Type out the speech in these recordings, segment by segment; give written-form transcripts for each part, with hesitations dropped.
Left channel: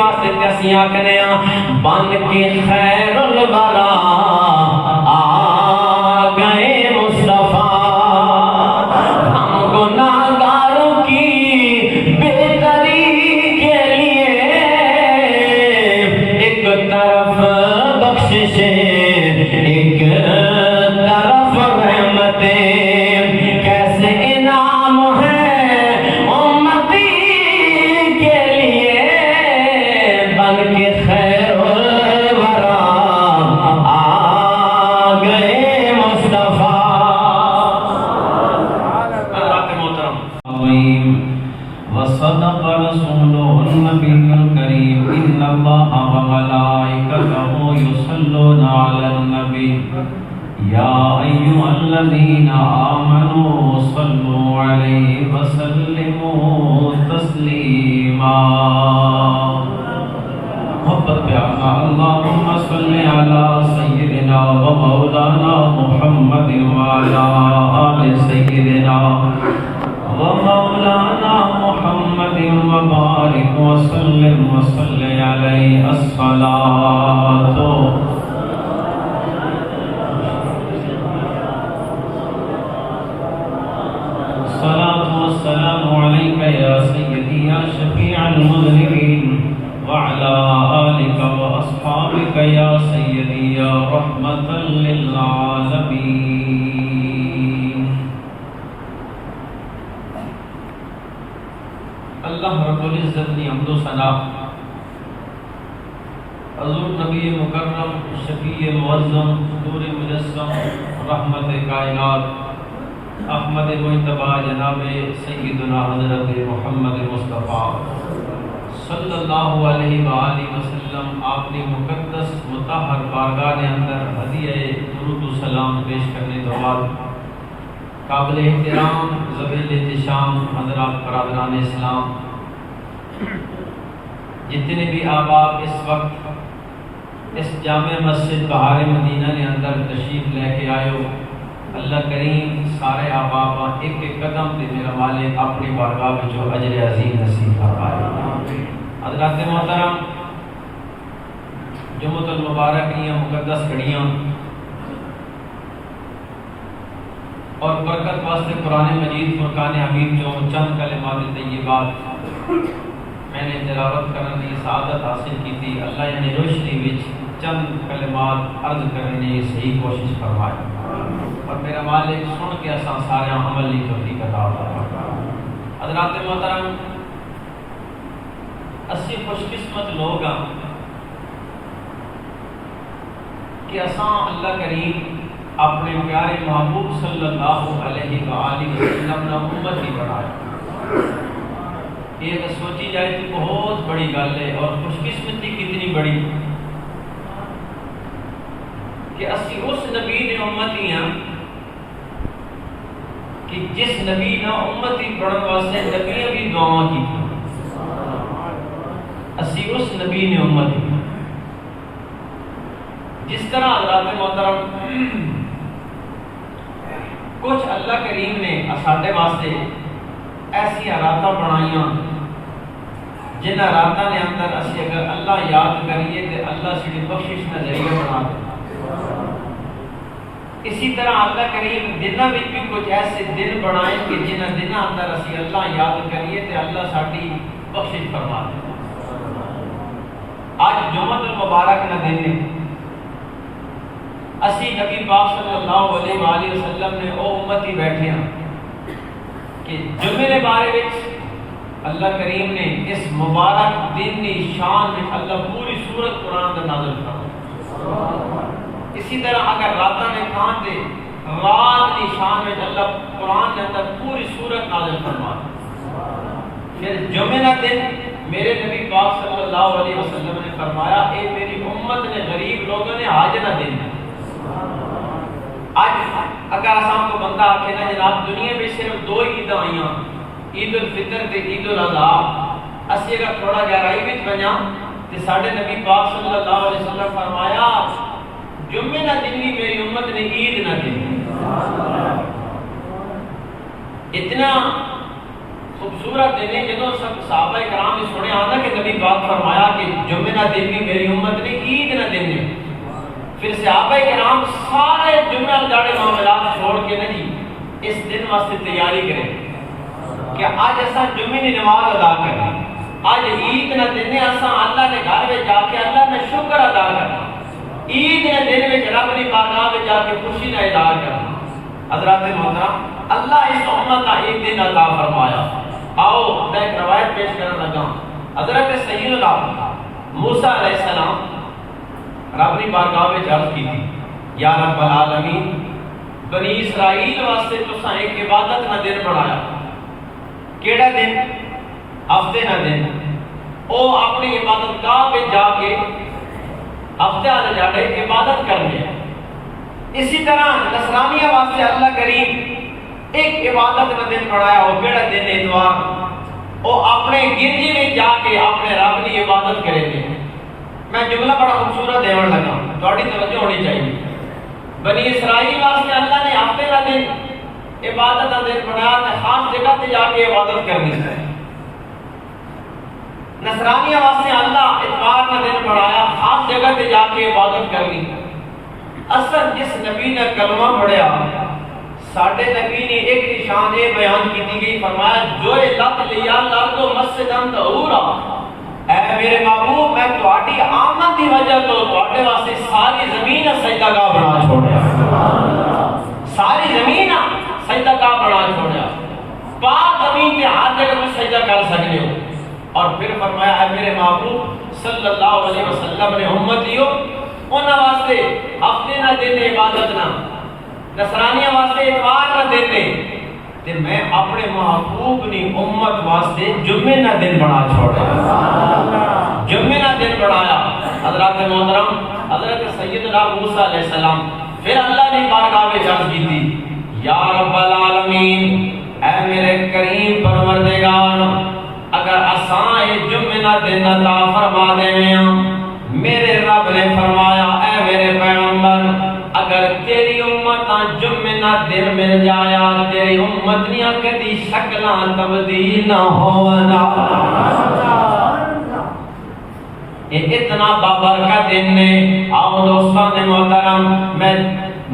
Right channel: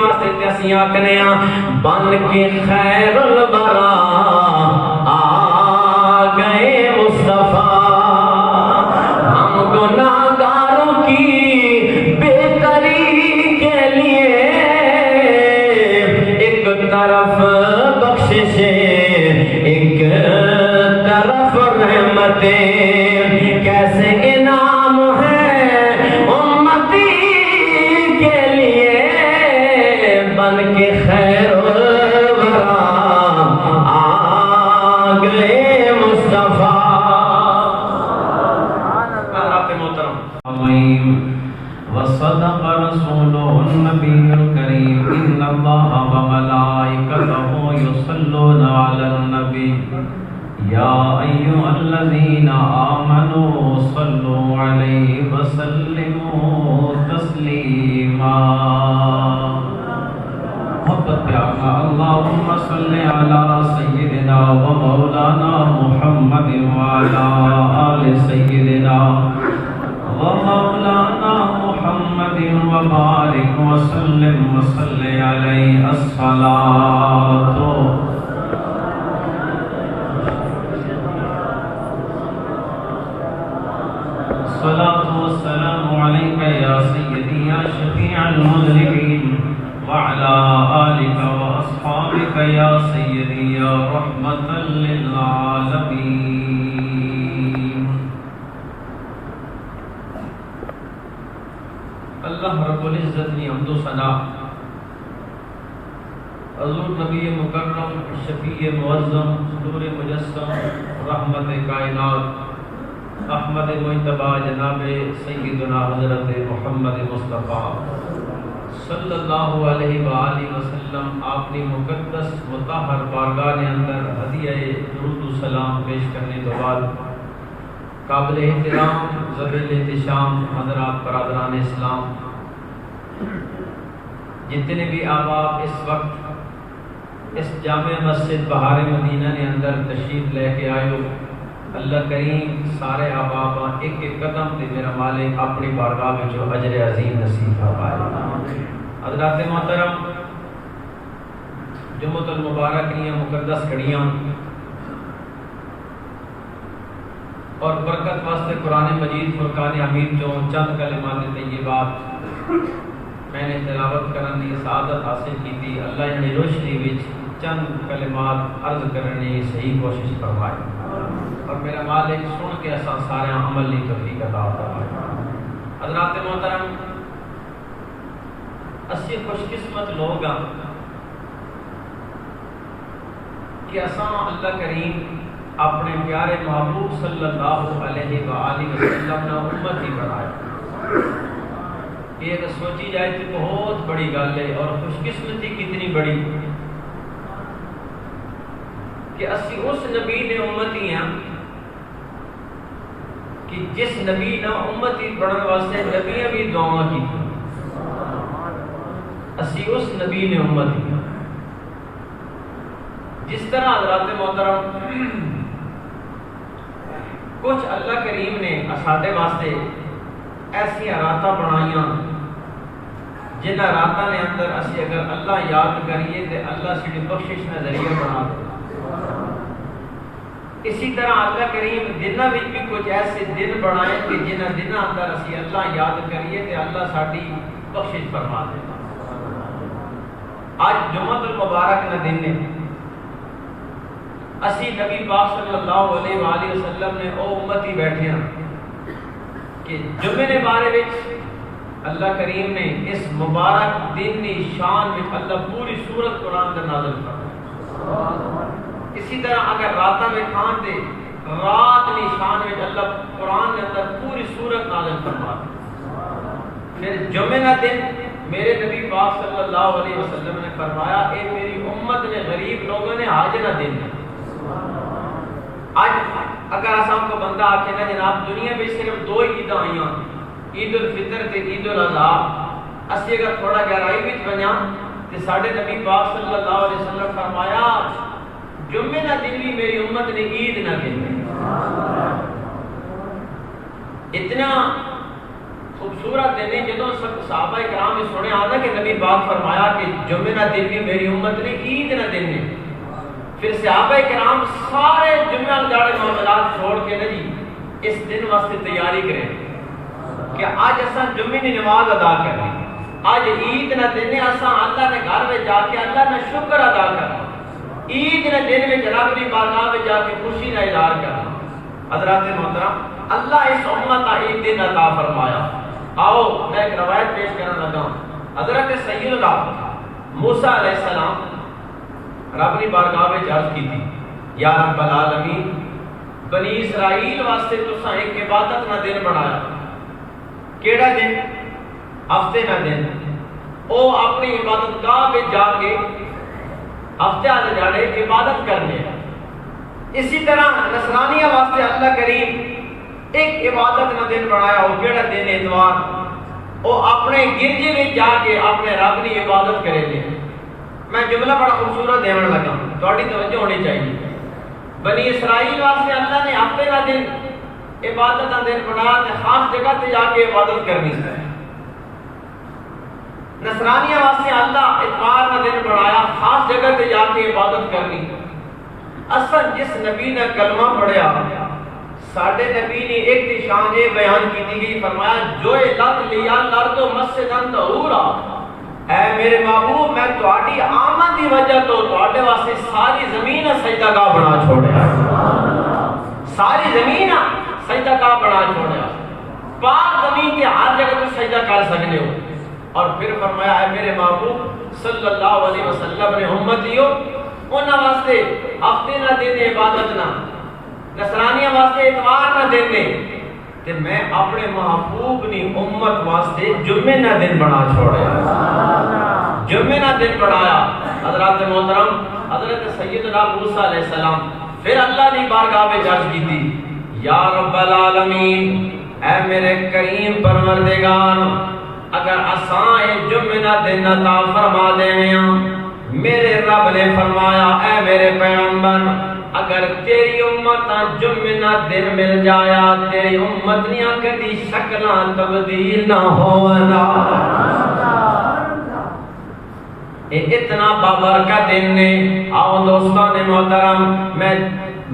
واسطے تے اسی آکھنے بن کے خیر الورا آ گئے مصطفیٰ، ہم گناہگاروں کی بہتری کے لیے ایک طرف بخششیں ایک طرف رحمتیں، کیسے انعام ہے امتی کے لیے بن کے خیر الورا آ گئے مصطفیٰ۔ حضرات محترم، وصدق رسوله النبي الكريم إن الله وملائكته يصلون على النبي يا أيها الذين آمنوا صلوا عليه وسلموا تسليما۔ محبت پیارنا اللهم صل على سيدنا ومولانا محمد وعلى آل سيدنا ومولانا محمد وبارك وسلم وصل عليه الصلاة والسلام عليك يا سيدي يا شفيع المذنبين وعلى آلك وأصحابك يا سيدي يا رحمة للعالمين۔ اللہ رب العزت نے حمد و ثنا حضور نبی مکرم شفیع معظم نور مجسم رحمت کائنات احمد مجتبی جناب سیدنا حضرت محمد مصطفیٰ صلی اللہ علیہ وآلہ وسلم آپ نے مقدس مطہر بارگاہ اندر ہدیہ درود و سلام پیش کرنے کے بعد قابل احترام ذویل احتشام حضرات برادران اسلام، جتنے بھی احباب اس وقت اس جامع مسجد بہار مدینہ کے اندر تشریف لے کے آئے ہو، اللہ کریم سارے احباب ایک ایک قدم تے میرا مالک اپنی بارگاہ وچوں اجر عظیم نصیب فرمائے۔ حضرات محترم، جمعۃ المبارک کی مقدس گھڑیاں اور برکت واسطے قرآن مجید فرقان حمید جو چند کلمات طیبات میں نے تلاوت کرنے کی سعادت حاصل کی تھی، اللہ نے روشنی وچ چند کلمات عرض کرنے کی صحیح کوشش فرمائی اور میرا مالک سن کے اساں سارے عمل کی توفیق عطا فرمائے۔ حضرات محترم، اسی خوش قسمت لوگ ہیں کہ اساں اللہ کریم اپنے پیارے محبوب صلی اللہ علیہ وآلہ وسلم نے امتی بنایا۔ یہ سوچی جائے تو بہت بڑی گل ہے، اور خوش قسمتی کتنی بڑی کہ اسی اس نبی نے امتی ہیں کہ جس نبی نے امتی بننے واسطے نبیاں بھی دعا کی، اسی اس نبی نے امتی ہیں۔ جس طرح حضرات محترم کچھ اللہ کریم نے ساڈے واسطے ایسی راتاں بنائیاں جنہ راتاں نے اندر اسی اگر اللہ یاد کریے تو اللہ ساری بخشش کا ذریعہ بنا دے۔ اسی طرح اللہ کریم دنوں میں بھی کچھ ایسے دن بنائے کہ جنہ دنوں اندر اسی اللہ یاد کریے تو اللہ ساری بخشش فرما دے۔ آج جمعۃ المبارک کا دن ہے، اسی نبی پاک صلی اللہ علیہ وآلہ وسلم نے او امتی بیٹھے ہیں کہ جمعے کے بارے وچ اللہ کریم نے اس مبارک دن کی شان میں اللہ پوری سورت قرآن کا نازل فرمایا۔ اسی طرح اگر راتاں میں کھان دے رات کی شان میں اللہ قرآن کے اندر پوری سورت نازل فرمایا۔ پھر جمعے کا دن میرے نبی پاک صلی اللہ علیہ وسلم نے فرمایا اے میری امت نے غریب لوگوں نے حج کا دن ہے۔ آج اگر اساں کو بندہ آکھے نا جناب دنیا میں صرف دو عیداں آئیاں، عید الفطر تے عید الاضحیٰ، اسی اگر تھوڑا گہرائی وچ بنیا تے ساڈے نبی پاک صلی اللہ علیہ وسلم فرمایا جمعے کا دن بھی میری امت نے عید نہ دن۔ اتنا خوبصورت دن ہے جدوں سب صحابہ کرام نے سنیا آنا کہ نبی پاک فرمایا کہ جمعہ کا دن بھی میری امت نے عید کا دن ہے. پھر صحابہ کرام سارے جمعہ جاڑے معاملات چھوڑ کے نا جی اس دن واسطے تیاری کریں کہ آج ایسا جمعے کی نماز ادا کریں, آج عید کا دن ہے, اساں اللہ نے گھر میں جا کے اللہ نے شکر ادا کرنا, عید کے دن میں رب کی بارگاہ میں جا کے خوشی کا اظہار کرنا. حضرات محترم, اللہ اس امت کا ایک دن عطا فرمایا. آؤ میں ایک روایت پیش کرنا لگا. حضرت سیدنا موسیٰ علیہ السلام رب کی بارگاہ میں عرض کی تھی, یا رب العالمین بنی اسرائیل واسطے تساں ایک عبادت کا دن بنایا. کیڑا دن؟ ہفتے کا دن. او اپنی عبادت گاہ پہ جا کے ہفتے والے جاڑے عبادت کرنے. اسی طرح نصرانیہ واسطے اللہ کریم ایک عبادت کا دن بنایا. وہ کیڑا دن؟ اتوار. وہ اپنے گرجے میں جا کے اپنے رب کی عبادت کریں گے. میں جملہ بڑا خوبصورت دیون لگا, تھوڑی توجہ ہونی چاہیے. بنی اسرائیل واسطے اللہ نے ہفتے کا دن عبادت کا دن بنایا تے خاص جگہ تے جا کے عبادت کرنی. نصرانیہ واسطے اللہ اتوار کا دن بنایا, خاص جگہ تے جا کے عبادت کرنی. اصل جس نبی نے کلمہ پڑھیا, ساڈے نبی نے ایک نشان یہ بیان کی گئی, فرمایا جو لت لیا لرد و مسجدن طہورا, اے میرے محبوب میں تہاڈی آمد دی وجہ تو تہاڈے واسطے ساری زمین سجدہ گاہ بنا چھوڑیا. ساری زمین سجدہ گاہ بنا چھوڑیا. پاک زمین تے ہر جگہ تم سجدہ کر سکتے ہو. اور پھر فرمایا اے میرے محبوب صلی اللہ علیہ وسلم نے امتیو انہاں واسطے ہفتے نہ دن عبادت نہ, نصرانیہ واسطے اتوار نہ دن نے, تے میں اپنے محبوب نی امت واسطے جمعے نہ دن بنا چھوڑیا. جمعے نہ دن بنایا. حضرات محترم, حضرت سیدنا موسیٰ علیہ السلام پھر اللہ نے بارگاہ میں عرض کی تھی, یا رب العالمین اے میرے کریم پروردگار, اگر اساں جمعہ نہ دن عطا فرما دیویں, میرے رب نے فرمایا اے میرے پیغمبر اگر تیری امت جمعہ نہ دن مل جایا تیری امت نیاں کدی شکلاں تبدیل نہ ہونا. یہ اتنا بابرکت دن نے. آؤ دوستان محترم, میں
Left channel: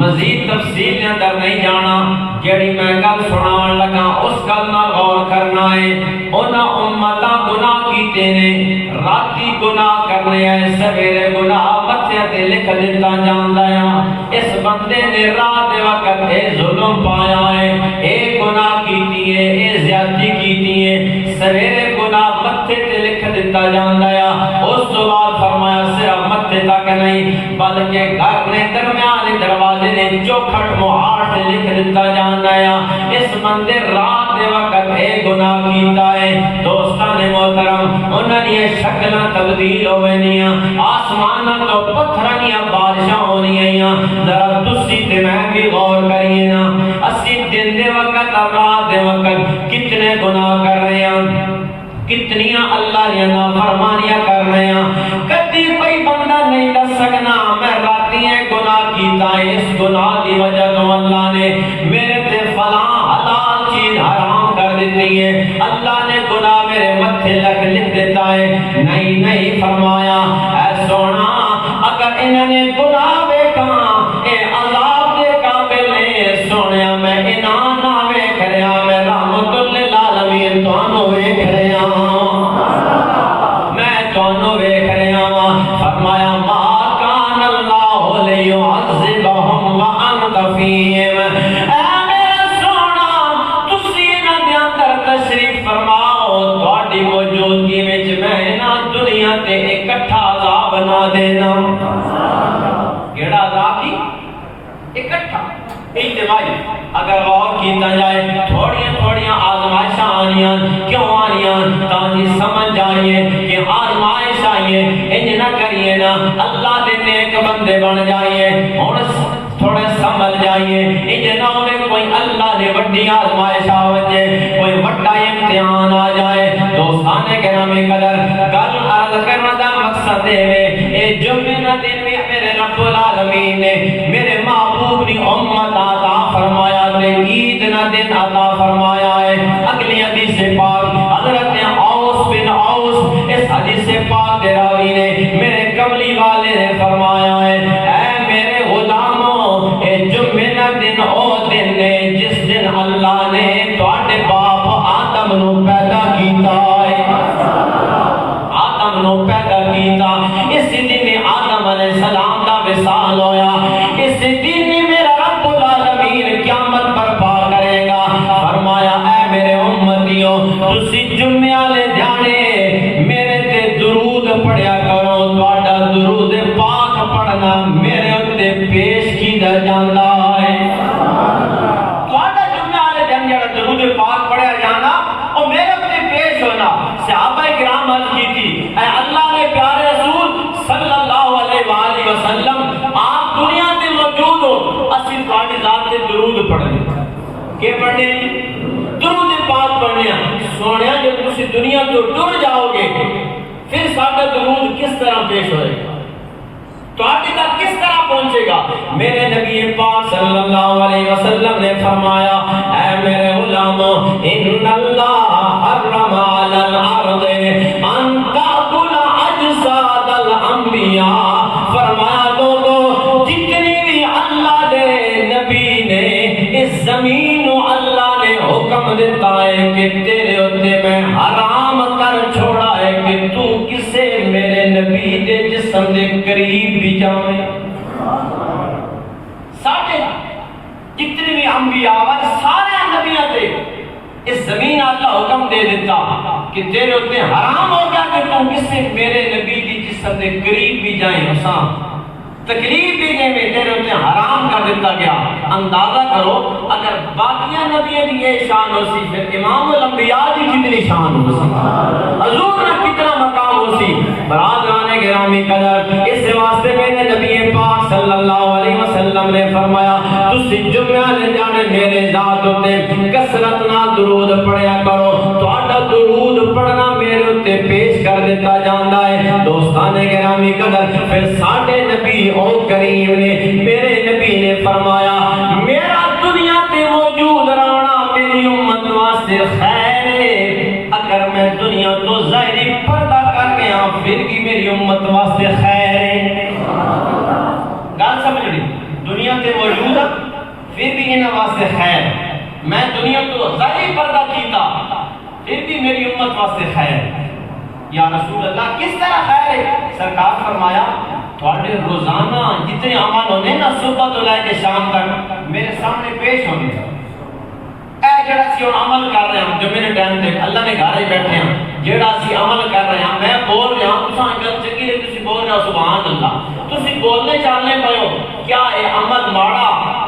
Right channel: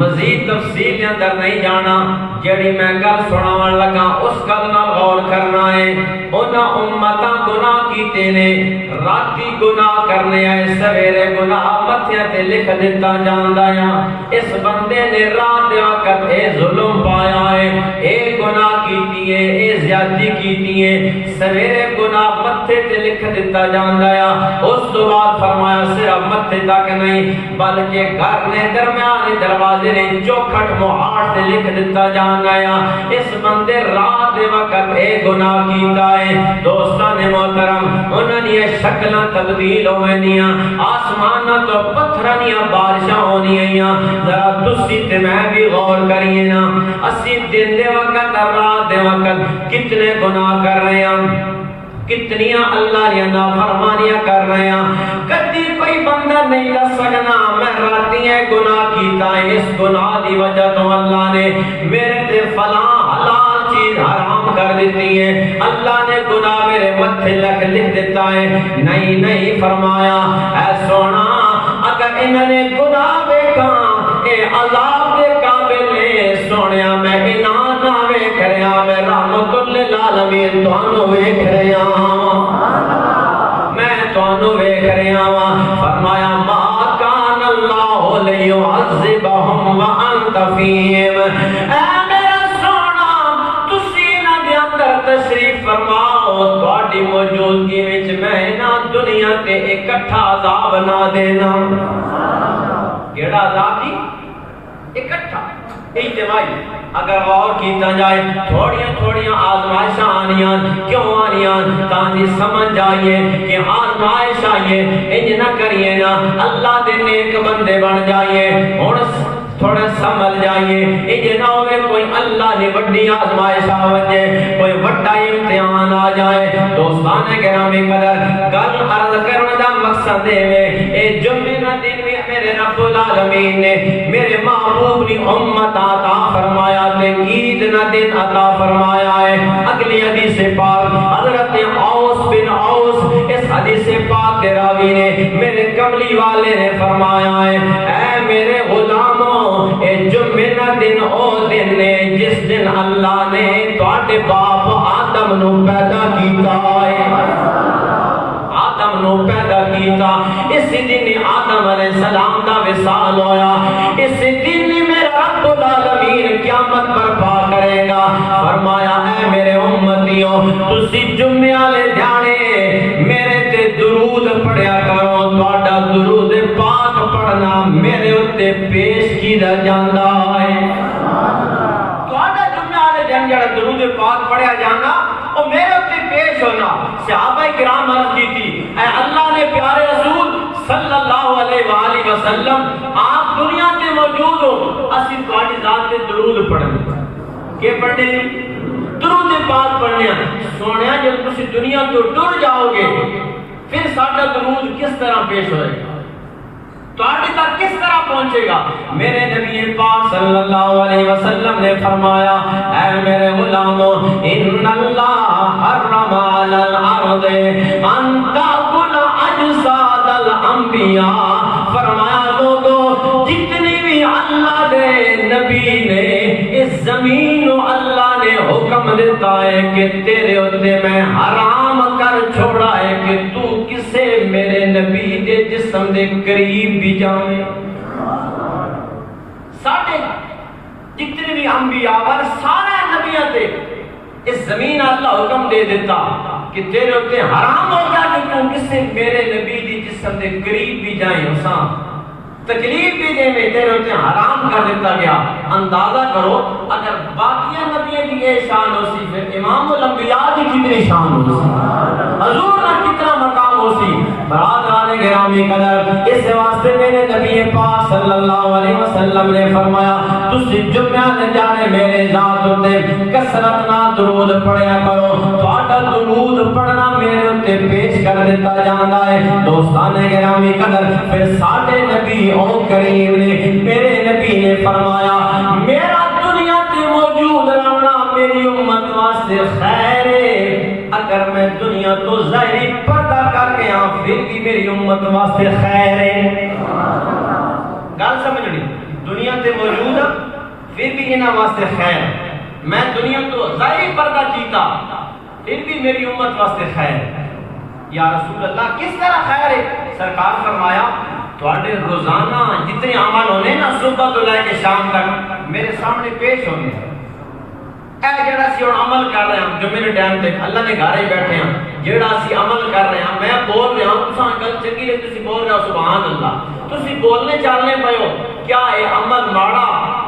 مزید تفصیل کے اندر نہیں جانا, جڑی میں گل سنان لگا اس گل نال غور کرنا ہے. انہاں امتاں گناہ کیتے نے, راتی گناہ کرنے آئے, سویرے گناہ متھیاں تے لکھ دتا جاندا ہے. اس بندے نے رات دے وقت اے ظلم پایا ہے, اے گناہ کیتی ہے, اے زیادتی کیتی ہے, سویرے گناہ متھے تے لکھ دتا جاندا ہے. اس تو بعد فرمایا صرف متھے تک نہیں بلکہ گھر نے درمیان دروازے نے چوکھٹ مہار سے لکھ دیتا جانا ہے. اس بندے رات دے وقت اے گناہ کیتا ہے. دوستان محترم, انہاں دی شکلاں تبدیل ہوئنیاں, آسماناں تو پتھراں بارشاں ہونیاں. ذرا تسی تے میں بھی غور کریے نا, اسی دن دے وقت اور رات دے وقت کتنے گناہ کر رہے ہیں, کتنیاں اللہ نے نافرمانیاں کر رہے ہیں. کدی کوئی بندہ نہیں کر سکنا میں راتی ہے گناہ کیتا ہے, اس گناہ دی وجہ تو اللہ نے میرے تے فلاں حلال چیز حرام کر دیتی ہے, اللہ نے گناہ میرے متھے لکھ دیتا ہے. نہیں نہیں فرمایا اے سونا اگر انہوں نے گناہ دیکھا اے عذاب دے قابل نے, سونیا میں انہاں نہ ویکھ رہا, میں رحمت للعالمین تانوں ویکھ رہا, میں تانوں ویکھ رہا. فرمایا ما کان اللہ لیعذبہم وانت فیہم, اے میرے سونا تسی انہاں دے اندر تشریف فرماؤ, تہاڈی موجودگی وچ میں انہاں دنیا تے اکٹھا عذاب نہ دینا. کیڑا عذاب دی اکٹھا اجتماعی. اگر غور کیتا جائے تھوڑیاں تھوڑیاں آزمائشاں آنیاں, کیوں آنیاں؟ تاکہ سمجھ جائیے کہ آزمائش آئیے, انج نہ کریے نا اللہ دے نیک بندے بن جائیے. ہن تھوڑے سمجھ جائیے, انج نہ ہوئے کوئی اللہ نے وڈی آزمائش آ وجے, کوئی وڈا امتحان آ جائے. دوستان گرامی قدر, گل عرض کرنے دا مقصد ہے اے جمعہ دن میں میرے رب العالمین نے میرے محبوب نے امت عطا فرمایا تے عید نہ دن عطا فرمایا ہے. اگلی حدیث پاک حضرت اوس بن اوس اس حدیث پاک دے راوی نے میرے کملی والے نے فرمایا ہے اے میرے غلاموں اے جمعہ دا دن او دن نے جس دن اللہ نے تواڈے باپ آدم نو پیدا کیتا ہے. آدم نو پیدا کیتا اس دن آدم علیہ السلام دا وصال ہویا. اس دن میرا رب العالمین قیامت برپا کرے گا. فرمایا اے میرے امتیوں تسی جمعے والے جانے میرے تے درود پڑھیا کرو. تواڈا درود پاک پڑھنا میرے اوتے پیش کیتا جاندا ہے. تواڈا جمعے والے دن جڑا درود پاک پڑھیا جانا او میرے اوتے پیش ہونا. صحابہ کرام عرض کی تھی اے اللہ نے پیارے رسول صلی اللہ علیہ وآلہ وسلم آپ دنیا تے موجود ہو اسی تواڈی ذات تے درود پڑھنے کہ پڑھنے درود پاک پڑھنے. سونیا جب تسی دنیا تو ٹر جاؤ گے پھر ساڈا درود کس طرح پیش ہوئے گا تواڈی تک کس طرح پہنچے گا. میرے نبی پاک صلی اللہ علیہ وسلم نے فرمایا اے میرے غلاموں ان اللہ حرم علی الارض ان تاکل اجساد الانبیاء. فرمایا دو جتنی بھی اللہ دے نبی نے اس زمین و اللہ نے حکم دیتا ہے کہ تیرے ہوتے میں حرام کر چھوڑا ہے کہ تو کسے میرے نبی دے جسم دے قریب بھی جاویں. ساڑھے جتنی بھی انبیاء اور سارے نبیوں تے اس زمین اللہ حکم دے دیتا کہ تیرے ہوتے حرام ہو گیا کہ تو کسے میرے نبی دی جسم دے قریب بھی جائیں. حسان تکلیف بھی دے میں تیرے ہوتے حرام کر دیتا گیا. اندازہ کرو اگر باقیہ نبیوں کی یہ شان ہو سی پھر امام الانبیاء کی کتنی شان ہو سی حضور نے کتنا مقام ہو سی. برادران گرامی قدر اس واسطے میرے نبی پاک صلی اللہ علیہ وسلم نے فرمایا تسی جمعہ لے جانے میرے ذات ہوتے کثرت نہ درود پڑھیا کرو. تواڈا درود پڑھنا میرے ہوتے پیش کر دیتا جاندا ہے. دوستان گرامی قدر پھر ساڈے نبی او کریم نے میرے نبی نے فرمایا میرا دنیا تے موجود رہنا میری امت واسطے خیر ہے. اگر میں دنیا تو ظاہری پردہ کر کے ہاں پھر بھی میری امت واسطے خیر ہے. گل سمجھ لی دنیا تے موجود ہے پھر بھی انہاں واسطے خیر. میں دنیا تو ظاہری پردہ کیتا پھر بھی میری امت واسطے خیر. یا رسول اللہ کس طرح خیر ہے؟ سرکار فرمایا تواڈے روزانہ جتنے عمل ہونے نا صبح تو لے کے شام تک میرے سامنے پیش ہونے. اے جڑا سی ہن عمل کر رہے ہیں جو میرے ٹائم تے اللہ نے گھر ہی بیٹھے ہیں جڑا سی عمل کر رہے ہیں میں بول رہا ہوں تساں گل چنگی ہے تسی بول رہے ہو سبحان اللہ تسی بولنے چلنے پے ہو کیا اے عمل ماڑا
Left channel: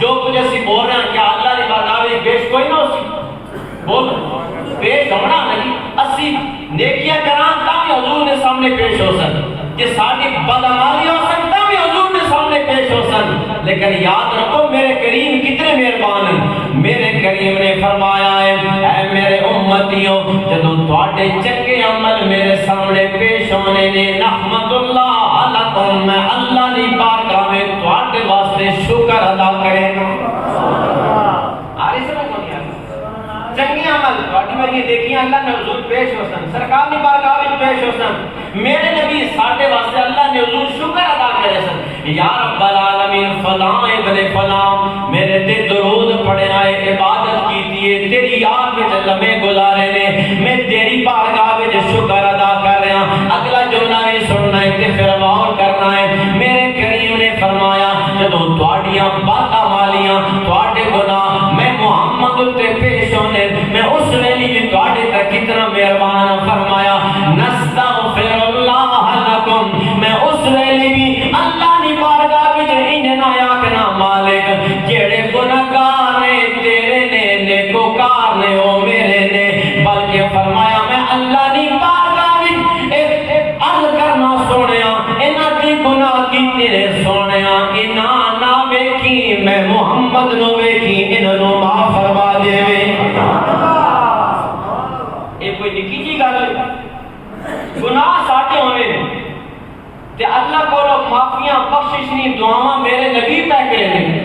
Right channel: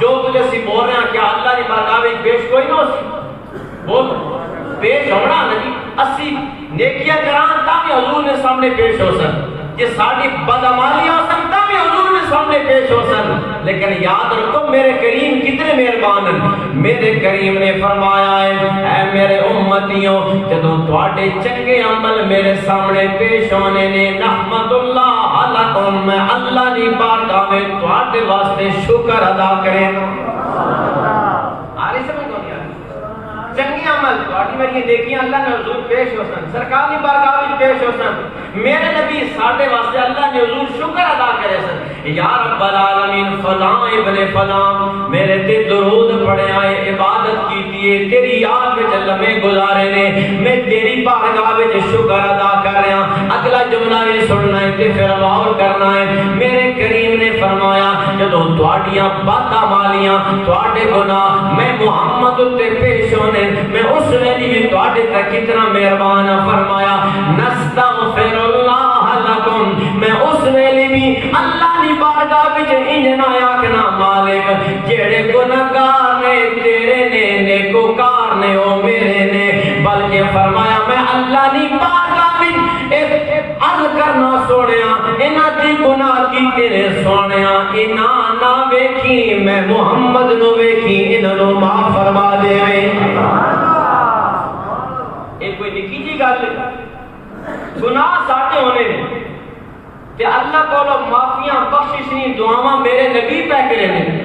جو کچھ اسی بول رہے ہیں کیا اللہ دی بارگاہ وچ پیش کوئی نہ ہو سی بول پیش ہونا نہیں. اسی نیکیاں کران تا بھی حضور نے سامنے پیش ہو سن کہ ساری بدعمالی ہو سکتا بھی حضور نے سامنے پیش ہو سن. لیکن یاد رکھو میرے کریم کتنے مہربان ہیں. میرے کریم نے فرمایا ہے اے میرے امتیوں جدوں تواڈے چنگے عمل میرے سامنے پیش ہونے نے نحمد اللہ علیکم میں اللہ دی بارگاہ میں تواڈے واسطے شکر ادا کرے. آرے سمجھ کون یار چنگی عمل تواڈی میری دیکھیاں اللہ نے حضور پیش ہو سن سرکار دی بارگاہ وچ پیش ہو سن. میرے نبی ساڈے واسطے اللہ نے حضور شکر ادا کرے سن. یا رب العالمین فلاں ابن فلاں میرے تے درود پڑھیا ہے عبادت کیتی ہے تیری یاد وچ لمحے گزارے نے میں تیری بارگاہ وچ شکر ادا کر رہا. اگلا جملہ بھی سننا ہے تے پھر غور کرنا ہے. میرے کریم نے فرمایا جدوں تواڈیاں بدعمالیاں تواڈے گناہ میں محمد تے پیش ہونے میں اس ویلی بھی تواڈے تک کتنا مہربان. فرمایا نستغفر اللہ لکم میں اس ویلی بھی اللہ دی بارگاہ وچ انج نہ آکھنا مالک جڑے گناہگار نے تیرے نے نیکوکار نے او میرے نے بلکہ فرمایا میں اللہ دی بارگاہ وچ عرض کرنا سونیا انہاں دی گناہ کی تیرے سونیا انہاں نہ ویکھی میں محمد نو ویکھی انہاں نو معاف فرما دے. اے کوئی نکی جی گل گناہ ساڈے ہونے تے اللہ اللہ کو معافیاں بخشش نہیں دعاواں میرے نبی پہ کرے نے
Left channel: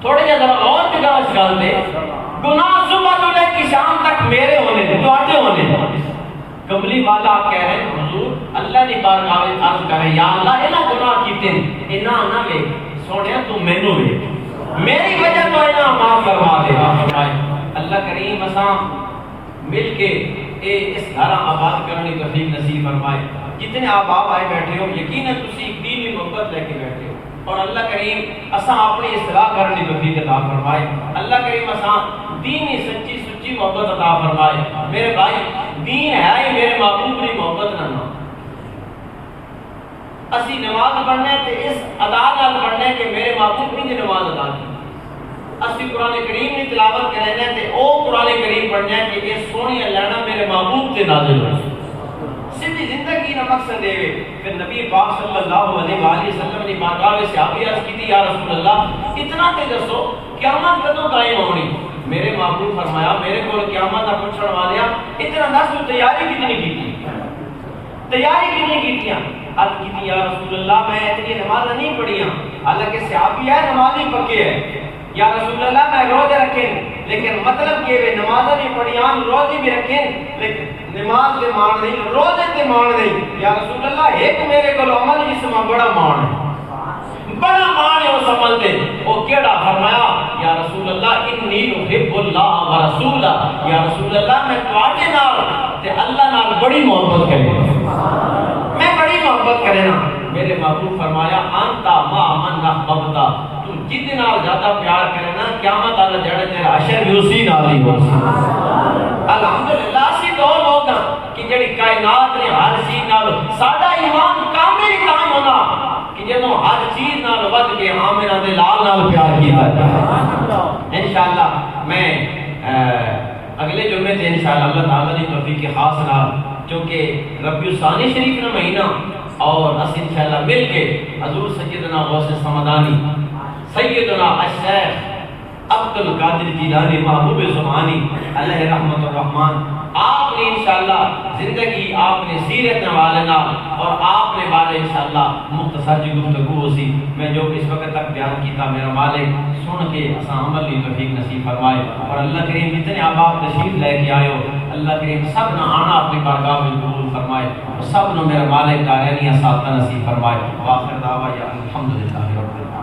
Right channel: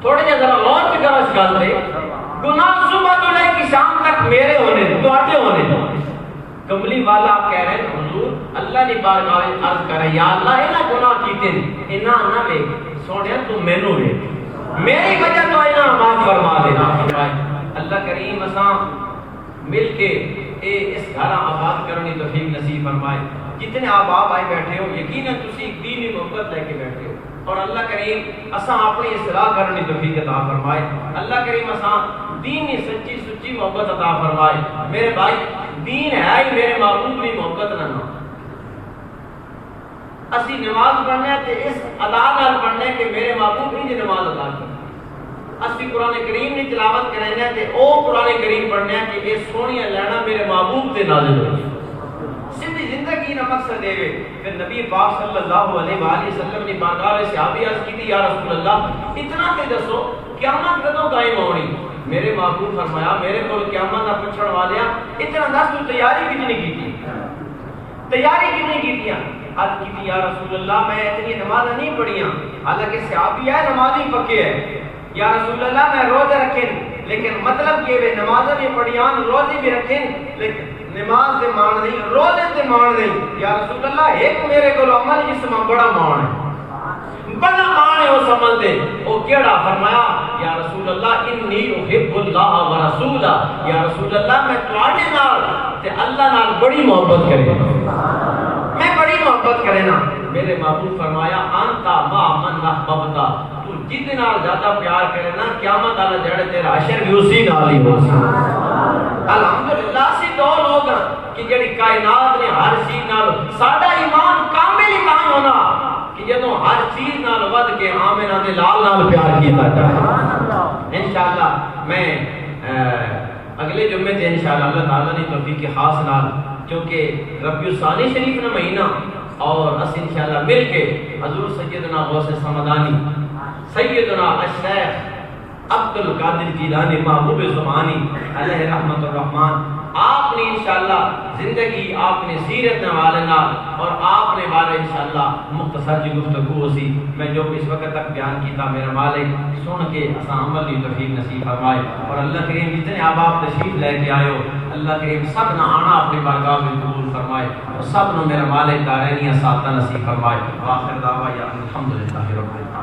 تھوڑے جہاں ذرا غور سے کرو اس گل دے گناہ صبح تو لے کے شام تک میرے ہونے دے تواڈے ہونے دے کملی والا آپ کہہ رہے ہیں حضور اللہ نے بارگاہ میں عرض کرے یا اللہ اے نہ گناہ کیتے انہاں نہ وے سونیا تو مینوں وے میری وجہ تو انہاں معاف فرما دے فرمائے اللہ کریم اساں مل کے اس گھر آباد کرنے کی توفیق نصیب فرمائے جتنے آپ آئے بیٹھے ہو یقیناً تسی ایک دینی محبت لے کے بیٹھے ہو اور اللہ کریم اساں اپنی اصلاح کرنے کی توفیق عطا فرمائے اللہ کریم اساں دینی سچی سچی محبت عطا فرمائے میرے بھائی دین ہے ہی میرے محبوب کی محبت نہ اسی نماز پڑھنا ہے تے اس ادا نال پڑھنا ہے کہ میرے محبوب نے نماز ادا کی اسی قرآن کریم کی تلاوت کرنا ہے تے او قرآن کریم پڑھنا ہے کہ یہ سونی لینا میرے محبوب تے نازل ہو سیدھی زندگی نہ مقصد دے پھر نبی پاک صلی اللہ علیہ وآلہ وسلم نے بارگاہ میں صحابی عرض کی تھی یا رسول اللہ اتنا تے دسو قیامت کدوں قائم ہونی میرے محبوب فرمایا میرے کو قیامت نہ پوچھنے والے اتنا دس تو تیاری کتنی کی تھی تیاری کتنی کی تھی عرض کی تھی یا رسول اللہ میں اتنی نماز نہیں پڑھیاں حالانکہ صحابی ہے نمازی پکے ہے یا رسول اللہ میں روزے رکھیں لیکن مطلب کہ وہ نمازیں بھی پڑھیاں روزے بھی رکھیں لیکن نماز دے مان نہیں روزے دے مان نہیں یا رسول اللہ ایک میرے کو عمل جس میں بڑا مان ہے بڑا مان ہے اس عمل دے وہ کیڑا فرمایا یا رسول اللہ انی احب اللہ و رسولہ یا رسول اللہ میں تواڈے نال تے اللہ نال بڑی محبت کرے میں بڑی محبت کرے نا میرے محبوب فرمایا انتا ما من احببتا تو جتنا زیادہ پیار کرے نا قیامت اللہ جڑے تیرا حشر بھی اسی نال ہی ہوگا الحمدللہ سی دو لوگ کہ جڑی کائنات نے ہر چیز نال ساڈا ایمان کامل ہی کام ہونا کہ جدوں ہر چیز نال ود کے آمنہ دے لال نال پیار کیتا ہے انشاءاللہ میں اگلے جمعے تے انشاءاللہ اللہ تعالی دی توفیق خاص نال کیونکہ ربیع الثانی شریف کا مہینہ اور اس انشاءاللہ مل کے حضور سیدنا غوث سمدانی سیدنا الشیخ عبد القادر جیلانی محبوب زمانی علیہ رحمت الرحمن آپ نے انشاءاللہ زندگی آپ نے سیرت نوالنا اور آپ نے بارے انشاءاللہ مختصر جی گفتگو ہوسی میں جو اس وقت تک بیان کیتا میرا مالک سن کے اساں عمل لی توفیق نصیب فرمائے اور اللہ کریم جتنے آپ تشریف لے کے آئے ہو اللہ کریم سب نہ آنا اپنی بارگاہ میں قبول فرمائے اور سب نہ میرا مالک دارینی ساتھ نصیب فرمائے آخر دعویٰ یا الحمدللہ رب العالمین